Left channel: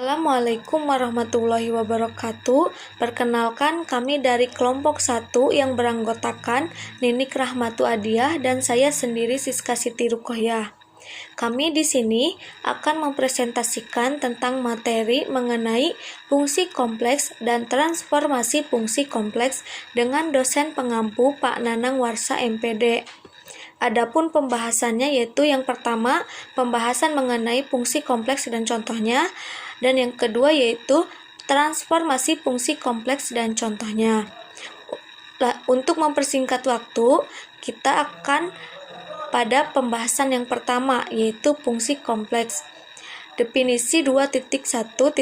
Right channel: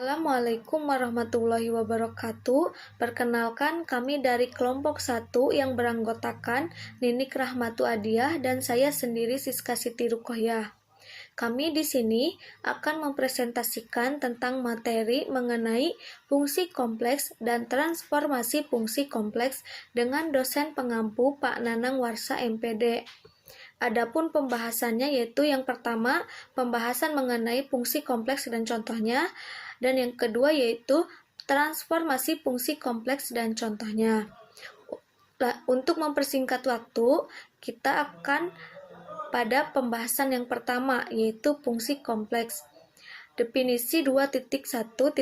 Assalamualaikum warahmatullahi wabarakatuh. Perkenalkan, kami dari kelompok 1 yang beranggotakan Ninik Rahmatu Adiah dan saya sendiri Siska Siti Ruqoyah. Kami di sini akan mempresentasikan tentang materi mengenai fungsi kompleks dan transformasi fungsi kompleks dengan dosen pengampu Pak Nanang Warsa MPD. Adapun pembahasannya yaitu yang pertama, pembahasan mengenai fungsi kompleks dan contohnya, dan yang kedua yaitu transformasi fungsi kompleks dan contohnya. Untuk mempersingkat waktu, kita akan pada pembahasan yang pertama yaitu fungsi kompleks. Definisi 2.1.1,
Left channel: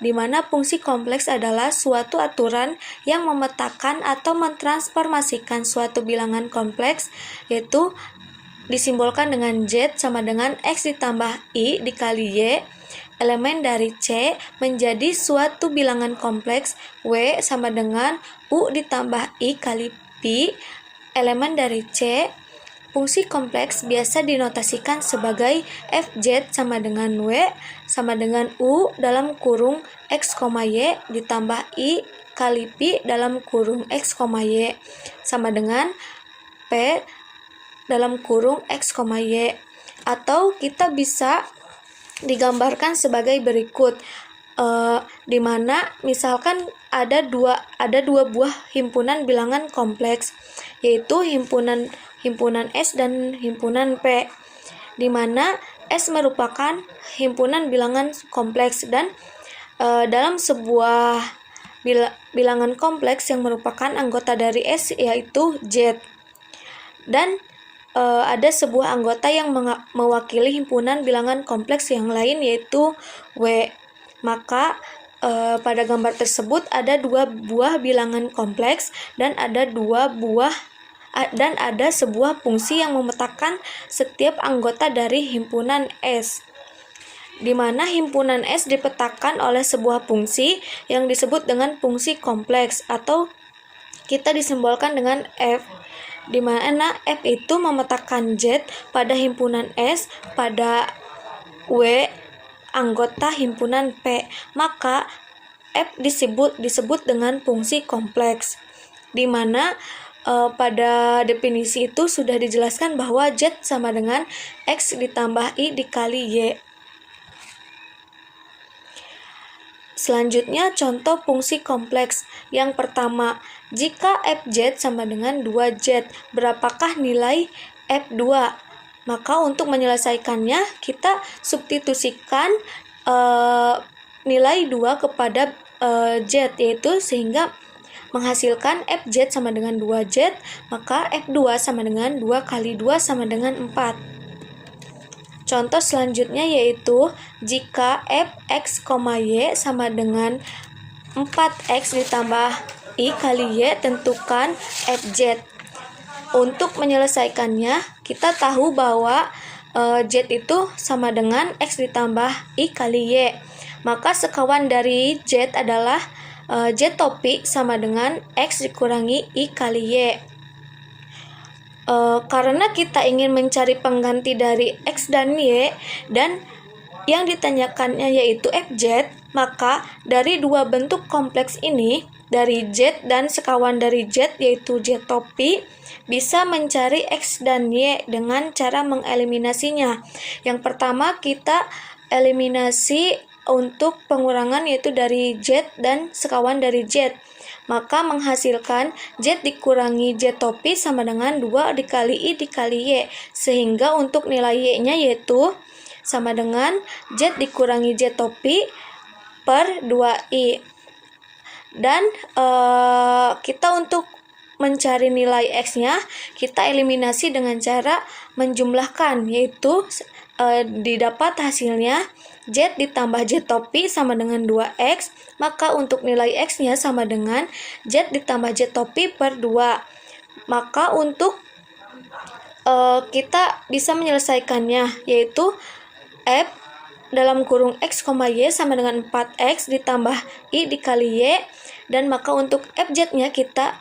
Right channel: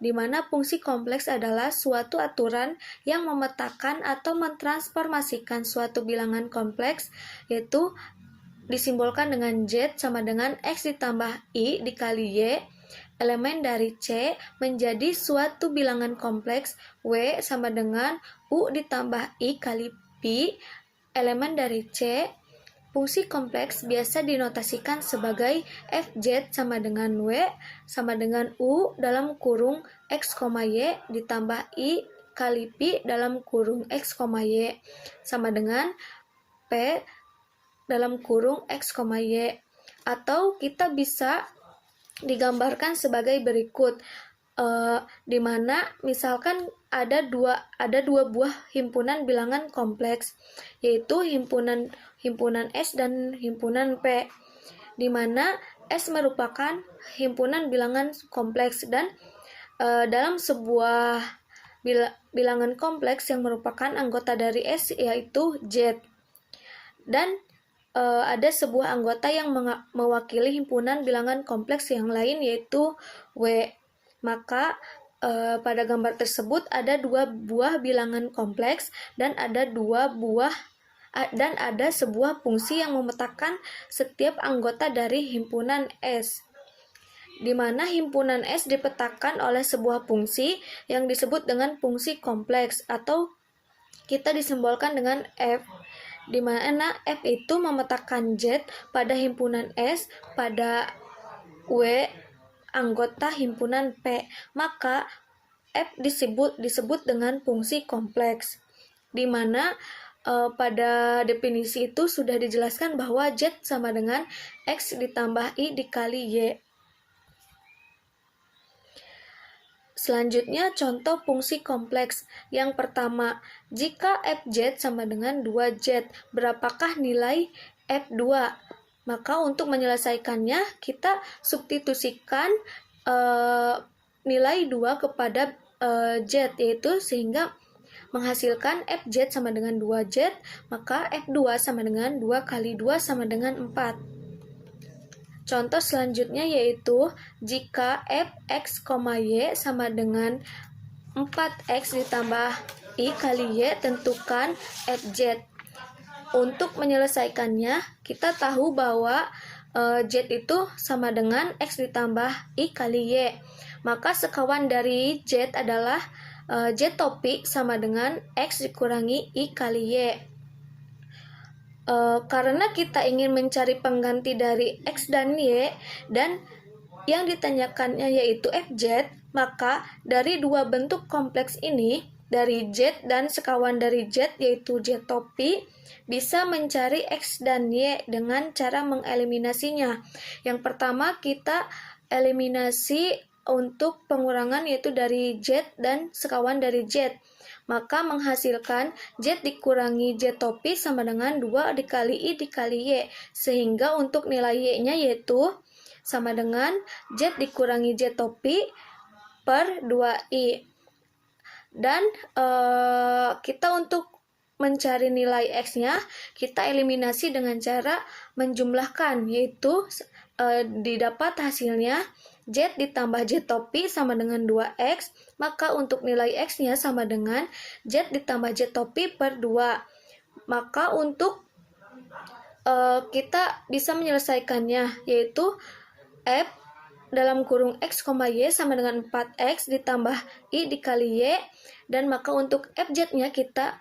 di mana fungsi kompleks adalah suatu aturan yang memetakan atau mentransformasikan suatu bilangan kompleks, yaitu disimbolkan dengan Z sama dengan X ditambah I dikali Y, elemen dari C menjadi suatu bilangan kompleks W sama dengan U ditambah I kali Pi, elemen dari C. Fungsi kompleks biasa dinotasikan sebagai Fz sama dengan W sama dengan U dalam kurung X, Y ditambah I kali Pi dalam kurung X, Y sama dengan P dalam kurung X, Y. Atau kita bisa digambarkan sebagai berikut, di mana misalkan ada dua buah himpunan bilangan kompleks, yaitu himpunan S dan himpunan P, di mana S merupakan himpunan bilangan kompleks dan dalam sebuah bilangan kompleks yang merupakan anggota dari S yaitu Z, dan ada sebuah anggota yang mewakili himpunan bilangan kompleks yang lain yaitu W. Maka pada gambar tersebut ada dua buah bilangan kompleks dan ada sebuah fungsi yang memetakan setiap anggota dari himpunan S, di mana himpunan S dipetakan oleh sebuah fungsi yang disebut dengan fungsi kompleks atau kita disimbolkan dengan F, di mana F itu memetakan Z pada himpunan S pada W anggota himpunan P, maka F disebut dengan fungsi kompleks, di mana pada definisi itu sudah dijelaskan bahwa Z sama dengan X ditambah I dikali Y. Selanjutnya contoh fungsi kompleks. Yang pertama, jika Fz sama dengan 2Z, berapakah nilai F2? Maka untuk menyelesaikannya kita substitusikan nilai 2 kepada Z, yaitu sehingga menghasilkan Fz sama dengan 2Z, maka F2 sama dengan 2 kali 2 sama dengan 4. Contoh selanjutnya yaitu jika Fx, Y sama dengan 4X ditambah I kali Y, tentukan Fz. Untuk menyelesaikannya, kita tahu bahwa Z itu sama dengan X ditambah I kali Y. Maka sekawan dari Z adalah Z topi sama dengan X dikurangi I kali Y. Karena kita ingin mencari pengganti dari X dan Y dan yang ditanyakannya yaitu Fz, maka dari dua bentuk kompleks ini, dari Z dan sekawan dari Z yaitu Z topi, bisa mencari X dan Y dengan cara mengeliminasinya. Yang pertama kita eliminasi untuk pengurangan yaitu dari Z dan sekawan dari Z, maka menghasilkan Z dikurangi Z topi sama dengan 2 dikali I dikali Y, sehingga untuk nilai Y-nya yaitu sama dengan Z dikurangi Z topi per 2I. Dan kita untuk mencari nilai X-nya, kita eliminasi dengan cara menjumlahkan, yaitu didapat hasilnya Z ditambah Z topi sama dengan 2X, maka untuk nilai X-nya sama dengan Z ditambah Z topi per 2. Maka untuk kita bisa menyelesaikannya, yaitu F dalam kurung X, Y sama dengan 4X ditambah I dikali Y, dan maka untuk Fz-nya kita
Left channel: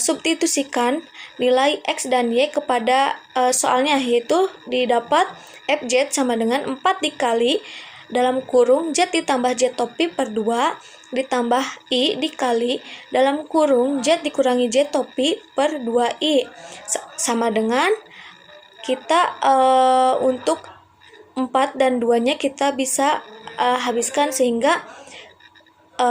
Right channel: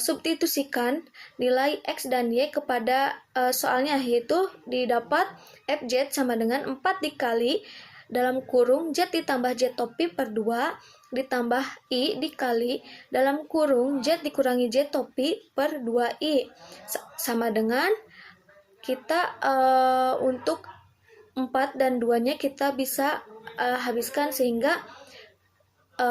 substitusikan nilai X dan Y kepada soalnya, yaitu didapat Fz sama dengan 4 dikali dalam kurung Z ditambah Z topi per 2 ditambah I dikali dalam kurung Z dikurangi Z topi per 2I sama dengan kita untuk 4 dan 2-nya kita bisa habiskan sehingga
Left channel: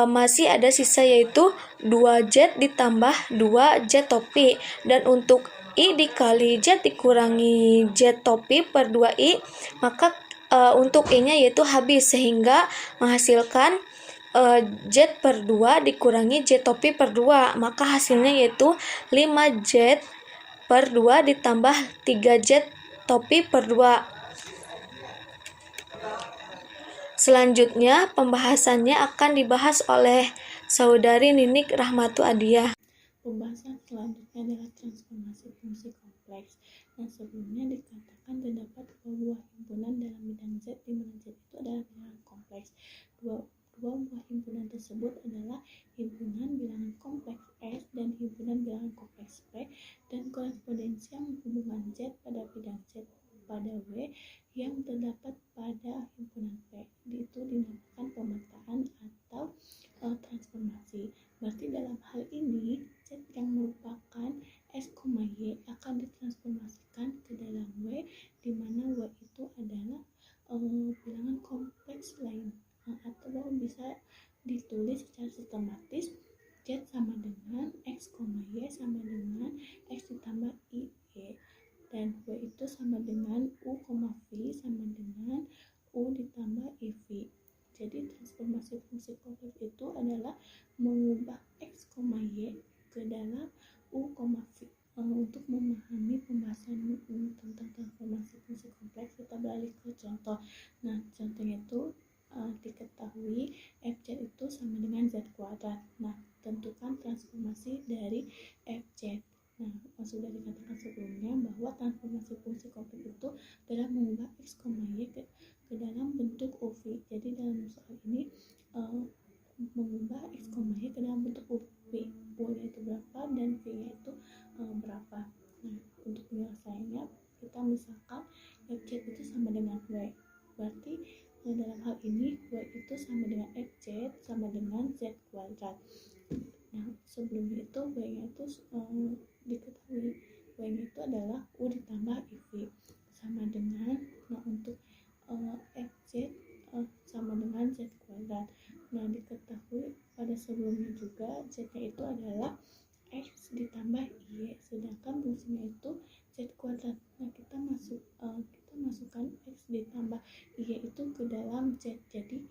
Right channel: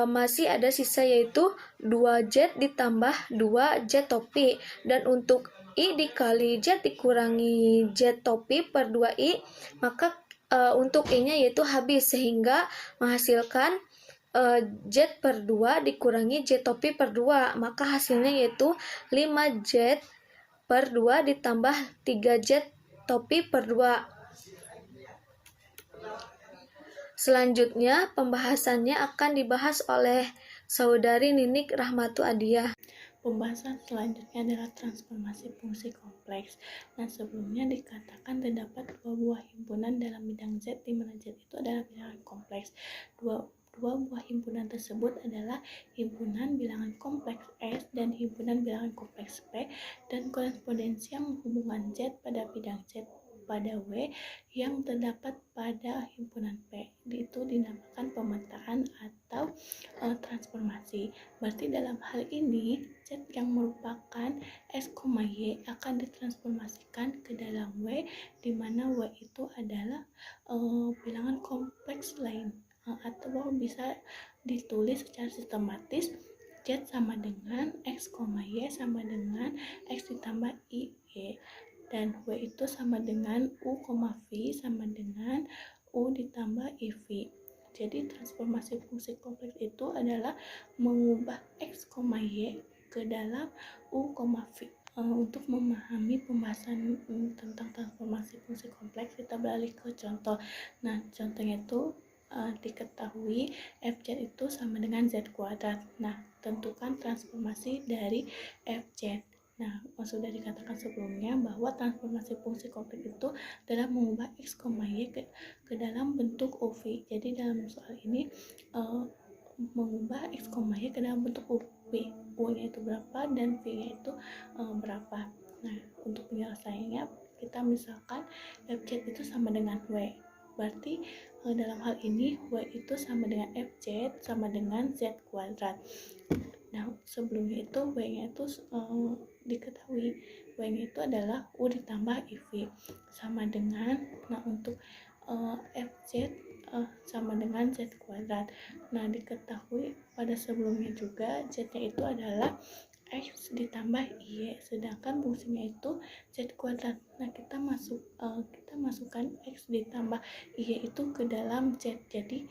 masih ada sisa yaitu 2Z ditambah 2Z topi, dan untuk I dikali Z dikurangi Z topi per 2I maka untuk I-nya yaitu habis sehingga menghasilkan Z per 2 dikurangi Z topi per 2, maka hasilnya yaitu 5Z per 2 ditambah 3Z topi per 2. Selanjutnya pembahasannya akan dibahas oleh saudari Ninik Rahmatu Adiah. Pembahasan selanjutnya adalah transformasi fungsi kompleks. Nah, sebelumnya dikatakan terdapat dua buah himpunan dalam bidang Z, di mana Z itu adalah bilangan kompleks. Dua buah himpunan tersebut adalah himpunan bilangan kompleks S dan himpunan bilangan kompleks P, dan korespondensi yang menghubungkan Z pada bidang Z pada W yang terdapat pada himpunan P itu dinamakan pemetaan atau transformasi. Berarti dalam hal ini Z yang merupakan S, Y akan ditransformasikan ke dalam W, di mana W itu adalah bilangan kompleks lain, atau bisa ditulis secara sistematis Z sama dengan X, Y sama dengan X ditambah I, Y, dan W itu sama dengan U, V sama dengan U ditambah IV. Jadi transformasi fungsi kompleks itu adalah mengubah X, Y ke dalam U, V. Untuk memahami pembahasan tentang transformasi fungsi kompleks, kita beralih ke contoh. Nah, contohnya itu diketahui Fz itu sama dengan Z kuadrat. Nah, tentukan transformasi dari Fz. Nah, sudah dikatakan sebelumnya bahwa transformasi fungsi kompleks itu adalah mengubah X, Y ke dalam bentuk UV. Jadi dalam soal ini mengubah X, Y ke dalam bentuk UV. U-nya itu berapa dan V-nya itu berapa. Nah, untuk penyelesaiannya kita misalkan Fz itu sama dengan W. Berarti dalam hal ini W itu sama dengan Fz sama dengan Z kuadrat. Nah, sebelumnya itu W-nya itu diketahui W-nya itu adalah U ditambah IV sama dengan, nah untuk Fz sama dengan Z kuadrat. Nah, diketahui pada sebelumnya juga Z-nya itu adalah X ditambah Y, sedangkan fungsinya itu Z kuadrat. Nah, kita masukkan X ditambah Y itu ke dalam Z, jadi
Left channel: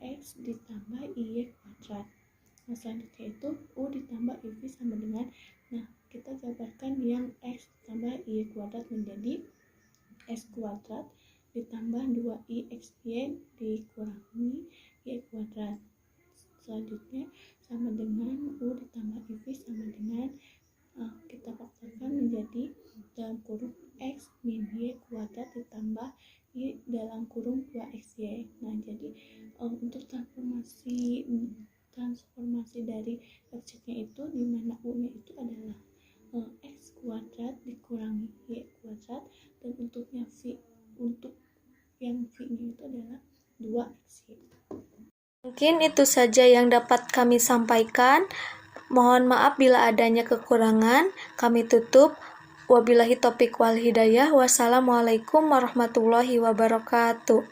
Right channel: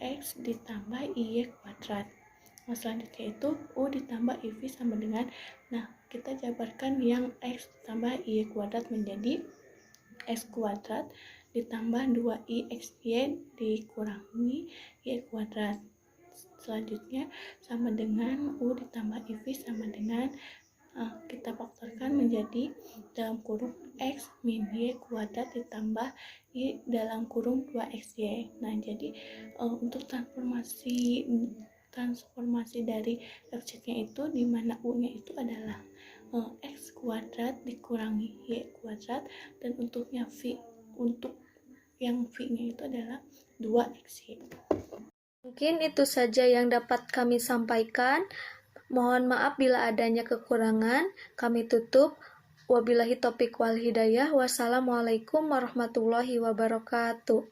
X ditambah Y kuadrat. Nah, selanjutnya itu U ditambah IV sama dengan, nah kita jabarkan yang X ditambah Y kuadrat menjadi X kuadrat ditambah 2IXY dikurangi Y kuadrat. Selanjutnya sama dengan U ditambah IV sama dengan kita faktorkan menjadi dalam kurung X min Y kuadrat ditambah Y dalam kurung 2XY. Nah, jadi untuk transformasi dari Fz-nya itu di mana U-nya itu adalah X kuadrat dikurangi Y kuadrat, dan untuk yang V-nya itu adalah 2XY. Mungkin itu saja yang dapat kami sampaikan. Mohon maaf bila adanya kekurangan. Kami tutup. Wabillahi taufiq wal hidayah. Wassalamualaikum warahmatullahi wabarakatuh.